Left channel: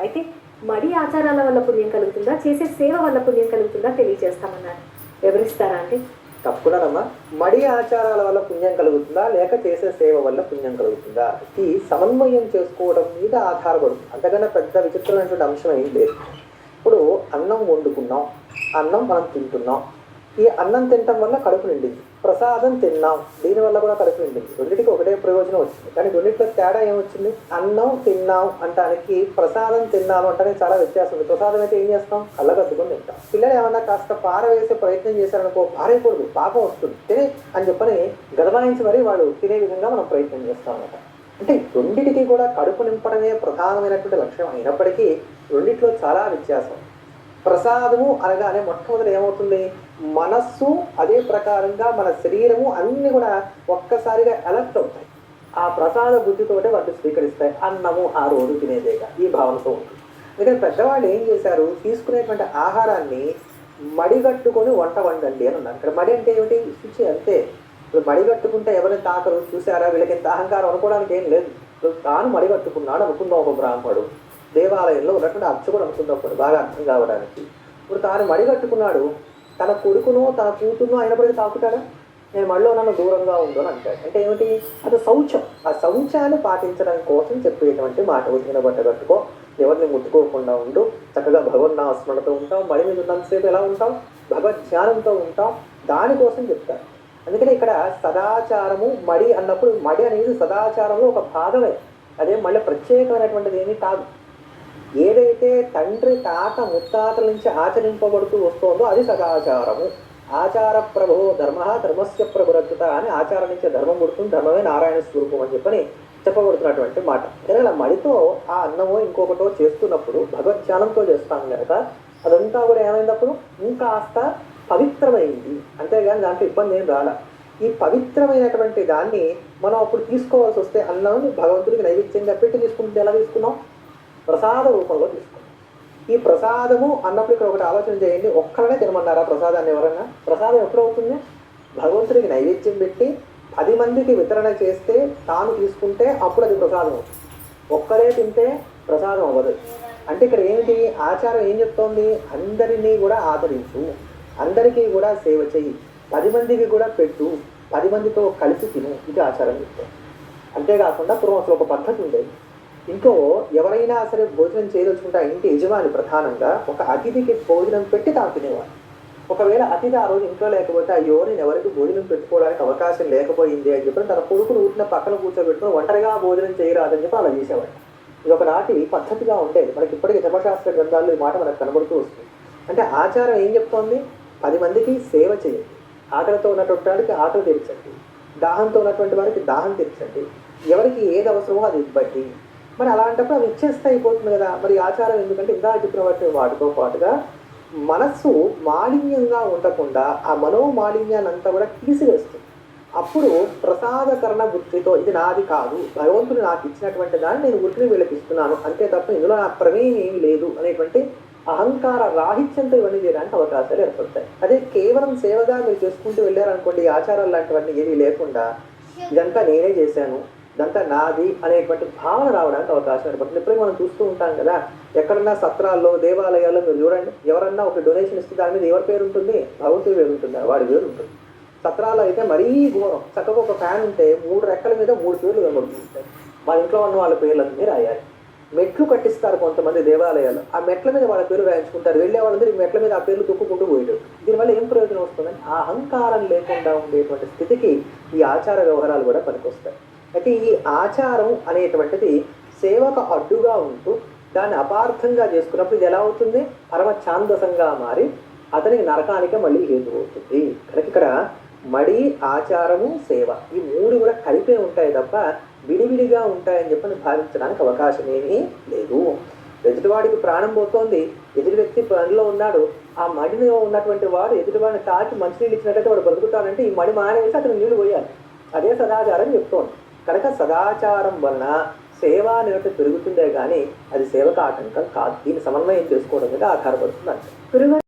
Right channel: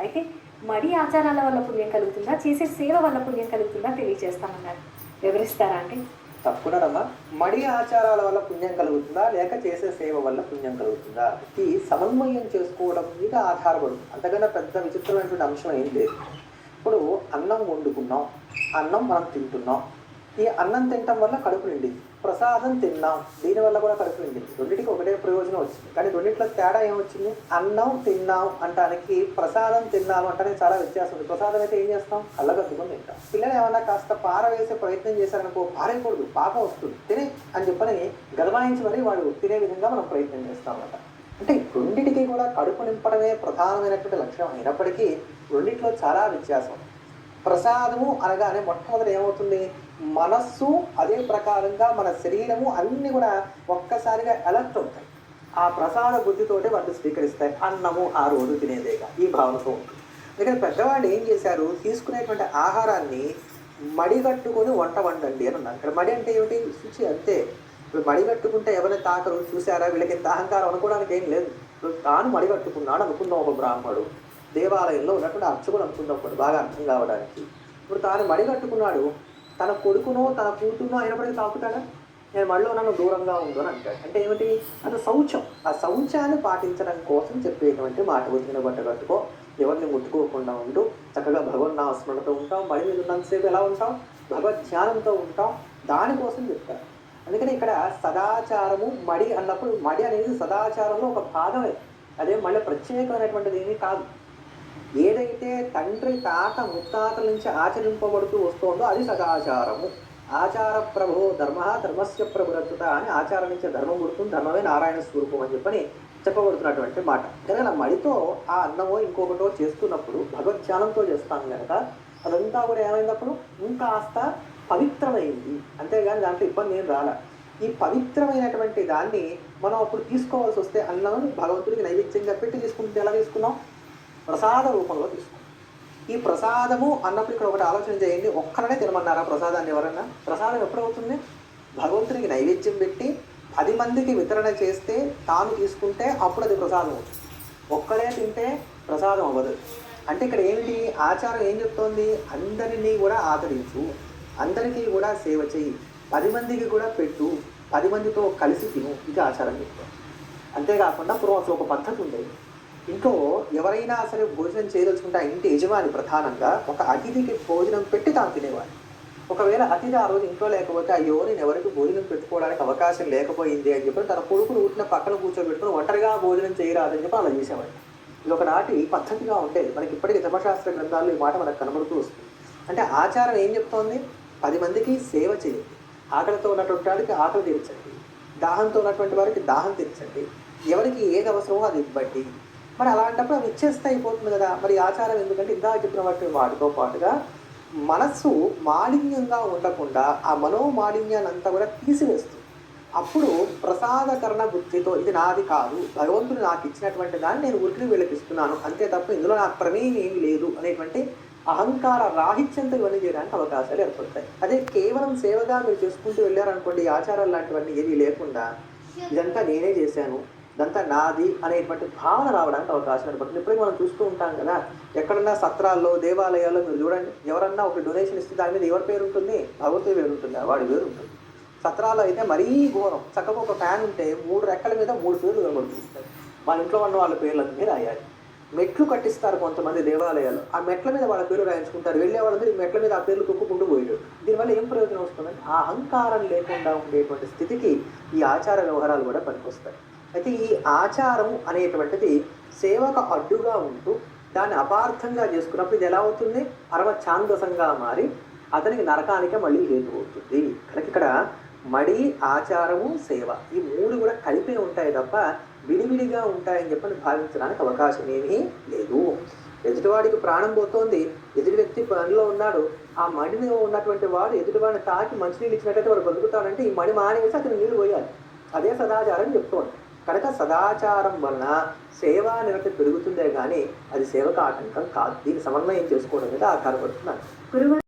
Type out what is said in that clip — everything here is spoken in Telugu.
అయితే మడి ఆచారాల వల్ల పుణ్యం కలుగుతుందా? చేసే సేవ వల్ల పుణ్యం కలుగుతుందా? తెలియజేస్తామన్నారు. వివరిస్తారా అండి? తప్పకుండానమ్మా మడి ఆచారాల వల్ల పుణ్యం కలుగుతుందా? లేక చేసే సేవ వల్ల పుణ్యం కలుగుతుందా? ఈ సమన్వయం చేసుకోవడం మీద ఆధారపడుతుంది. అంతకన్నా పెద్ద విచిత్రమైనటువంటి అంశం ఏం లేదు. ఇప్పుడు అన్నం వండుకున్నాం. అన్నం మనం తింటున్నాం. ఈ అన్నం తినటం వల్ల కడుపు నిండింది. ప్రసాదం తిన్నాం. దీనివల్ల కూడా కడుపు నిండింది రెండింటికి ఒకటే ప్రయోజనం వచ్చింది. కానీ రెండింటిలో తేడా ఏమొచ్చింది? అన్నం తిన్నాం అంటానికి ప్రసాదం తిన్నాను అంటే చాలా వ్యత్యాసం ఉంది. ప్రసాదం అయితే ఏం చేస్తాం? అల్లగద్దుకొని తింటాం. పిల్లలు ఏమన్నా కాస్త పారవేసే ప్రయత్నం చేశారనుకో పారేయకూడదు. పాపం వస్తుంది. తినే అని చెప్పని గదమాయించి మరీ వాళ్ళు తినే విధంగా మనం ప్రయత్నం చేస్తాం అన్నమాట అంటే రెండింటికి కూడా కడుపు నింపడమే ప్రధానమైనటువంటి లక్ష్యం అయినప్పటికీ రెండిట్లో చాలా వ్యత్యాసం. ప్రసాదము అనగానే మొట్టమొదటి ఏమవుతుంది? మనస్సు అదే ప్రకారంగా మన శరీరము అన్నీ కూడా ఒక్కసారిగా ఎలర్ట్ అవుతాయి. ఆ ప్రసాద బుద్ధితోటే వాటిని స్వీకరిస్తాయి. అన్నము ఆ రోజు తినేదేగా. ఈ భావనతో ఉంటుంది ఎందుకంటే పెద్దవాళ్ళు ఏం చేశారు? తీసుకునేటువంటి ఆహారాన్ని మడిగట్టుకొని వంట వండండి అని ఉన్నారు ఇక్కడ మడి అంటే ఏమిటి? శుచి అంతే. ఇప్పుడు మడి కట్టుకుంటే ఎవరిని తాకరు? చూసారా వీళ్ళకి ఇంత అహంకారం అనుకోవడానికి ఏం లేదు. తాను మడి కట్టుకున్నాడు ఒక బ్రాహ్మడు. దేవాలయంలో ఉన్నటువంటి అర్చకుడు అనుకుందాం బాగా అర్థం కావడానికి. ఇప్పుడు తాను మడి కట్టుకున్నాడు తన కొడుకునో తన కూతురునో అయినప్పటికీ తాకుతాడా నేను మళ్ళీ నన్ను దూరంగా ఉందో అని అంటాడు. అంటే ఏమిటి? అది శౌచం. ఆ శౌచాన్ని పాటించడం కోసం చెప్పేటువంటి మాట వచ్చిన బట్ట కట్టుకో ఎవరిని ముట్టుకోకుండా ఉండు. చక్కగా భగవన్నాస్మరణతో ఉంటాం మడి మీద ఉన్నంతసేపు ఎలా ఉంటాం భగవద్ ధ్యానంతో ఉంటాం దానికోసం చెప్తారు. అందుకని ఇక్కడ సదాచారము మడి అన్నప్పుడు మడి అనేది సదాచారంలో ఒక భాగమే అదే మళ్ళీ ప్రత్యేకమైనటువంటిది ఏమీ కాదు. ఏదైతే తండ్రి తాత ముత్తాతల నుంచి ఆచరింపబడుతూ వస్తోందో అది సదాచారము. ఆచార ప్రభో ధర్మ ధర్మస్య ప్రభురత్తుత అని ఆచారం నుంచి ధర్మం పుడుతుంది ధర్మమే నారాయణ స్వరూపం అని చెప్పని చెప్పబడుతున్నటువంటి మాట. కానీ ఇలా మడితో ఆ అన్నమో ఇంకొకటో చేస్తున్నప్పుడు భగవద్ధ్యానంతో చేస్తాం కనుక అదంతా కూడా ఏమైనప్పుడు ఇంకాస్త పవిత్రమైంది. అంతేగాని దాంట్లో ఇబ్బంది ఏం రాల. ఈ పవిత్రమైనటువంటి దాన్ని మనం అప్పుడు తీసుకోవాల్సి వస్తే అన్నం భగవంతుడికి నైవేద్యంగా పెట్టి తీసుకుంటే ఎలా తీసుకున్నాం? ప్రసాద రూపంలో తీసుకోండి. ఈ ప్రసాదము అన్నప్పుడు ఇక్కడ ఒకటి ఆలోచన చేయండి. ఒక్కరనే తినమన్నారా ప్రసాదాన్ని ఎవరన్నా? ప్రసాదం ఎప్పుడు అవుతుంది భగవంతుడికి నైవేద్యం పెట్టి పది మందికి వితరణ చేస్తే తాను తీసుకుంటే అప్పుడు అది ప్రసాదం అవుతుంది. ఒక్కరే తింటే ప్రసాదం అవ్వదు. అంటే ఇక్కడ ఏమిటి? ఆచారం ఏం చెప్తోంది? అందరినీ కూడా ఆదరించు. అందరికీ కూడా సేవ చెయ్యి. పది మందికి కూడా పెట్టు. పది మందితో కలిసి తిను. ఇది ఆచారం చెప్తోంది. అంతేకాకుండా పూర్వం అసలు ఒక పద్ధతి ఉండేది. ఇంట్లో ఎవరైనా సరే భోజనం చేయదలుచుకుంటే ఆ ఇంటి యజమాని ప్రధానంగా ఒక అతిథికి భోజనం పెట్టి తాను తినేవాడు. ఒకవేళ అతిథి ఆ రోజు ఇంట్లో లేకపోతే అయ్యో నేను ఎవరికి భోజనం పెట్టుకోవడానికి అవకాశం లేకపోయింది అని చెప్పి తన కొడుకును ఊటిన పక్కన కూర్చోబెట్టుకుని ఒంటరిగా భోజనం చేయరాదని చెప్పి అలా చేసేవాడు. ఇది ఒకనాటి పద్ధతిగా ఉండేది. మనకి ఇప్పటికీ ధర్మశాస్త్ర గ్రంథాలు ఈ మాట మనకు కనబడుతూ వస్తుంది. అంటే ఆచారం ఏం చెప్తోంది? పది మందికి సేవ చేయండి. ఆకలితో ఉన్నటువంటి వాడికి ఆకలి తీర్చండి. దాహంతో ఉన్నటువంటి వారికి దాహం తీర్చండి. ఎవరికి ఏది అవసరమో అది ఇవ్వండి. మరి అలాంటప్పుడు అవి ఇచ్చేస్తే అయిపోతుంది కదా. మరి ఆచారం ఎందుకంటే ఇందాక చెప్పిన వాటి వాటితో పాటుగా మనస్సు మాలిన్యంగా ఉండకుండా ఆ మనోమాలిన్యాన్ని అంతా కూడా తీసివేస్తుంది. అప్పుడు ప్రసాదకరణ బుద్ధితో ఇది నాది కాదు భగవంతుడు నాకు ఇచ్చినటువంటి దాన్ని నేను ఉరికి వీళ్ళకి ఇస్తున్నాను అంతే తప్ప ఇందులో నా ప్రమేయం ఏమీ లేదు అనేటువంటి అహంకార రాహిత్యంతో ఇవన్నీ చేయడానికి అవకాశాలు ఏర్పడతాయి. అదే కేవలం సేవగా మీరు చేసుకుంటూ వెళ్ళారనుకోండి ఆచారాలు లాంటివన్నీ ఏమీ లేకుండా ఇదంతా నేనే చేశాను ఇదంతా నాది అనేటువంటి భావన రావడానికి అవకాశం ఏర్పడుతుంది. ఇప్పుడు మనం చూస్తూ ఉంటాం కదా ఎక్కడన్నా సత్రాల్లో దేవాలయాల్లో మీరు చూడండి ఎవరన్నా ఒక డొనేషన్ ఇస్తే దాని మీద ఎవరి పేరు ఉంటుంది? భగవంతుడి పేరు ఉంటుంది వాడి పేరు ఉంటుంది. సత్రాలు అయితే మరీ ఘోరం. చక్కగా ఒక ఫ్యాన్ ఉంటే మూడు రెక్కల మీద మూడు పేర్లు కనబడుతుంటాయి. వాళ్ళ ఇంట్లో ఉన్న వాళ్ళ పేర్లన్నీ రాయాలి. మెట్లు కట్టిస్తారు కొంతమంది దేవాలయాలు. ఆ మెట్ల మీద వాళ్ళ పేరు రాయించుకుంటారు. వెళ్ళే వాళ్ళందరూ ఈ మెట్ల మీద ఆ పేర్లు తొక్కుకుంటూ పోయారు దీనివల్ల ఏం ప్రయోజనం వస్తుందని ఆ అహంకారం లేకుండా ఉండేటువంటి స్థితికి ఈ ఆచార వ్యవహారాలు కూడా పనికొస్తాయి. అయితే ఈ ఆచారం అనేటువంటిది సేవకు అడ్డుగా ఉంటూ దాన్ని అపార్థంగా చేసుకున్నప్పుడు ఇది ఎలా అవుతుంది? పరమ ఛాందసంగా మారి అతనికి నరకానికే మళ్ళీ హేతు అవుతుంది. కనుక ఇక్కడ మడి ఆచారము సేవ ఈ మూడు కూడా కలిపే ఉంటాయి తప్ప విడివిడిగా ఉంటాయని చెప్పని భావించడానికి అవకాశం ఏమీ లేదు. ఎదుటివాడికి ప్రాణం పోతోంది ఎదుటి వ్యక్తి పనిలో ఉన్నాడు ఆ మడిలో ఉన్నటువంటి వాడు ఎదుటివాడిని తాకి మంచినీళ్ళు ఇచ్చినట్టయితే వాడు బతుకుతాడంటే ఈ మడి మానేసి అతను నీళ్ళు పోయాలి. అదే సదాచారం చెప్తోంది. కనుక సదాచారం వలన సేవా నిరత పెరుగుతుందే కానీ అది సేవకు ఆటంకం కాదు. దీన్ని సమన్వయం చేసుకోవడం మీద ఆధారపడుతుంది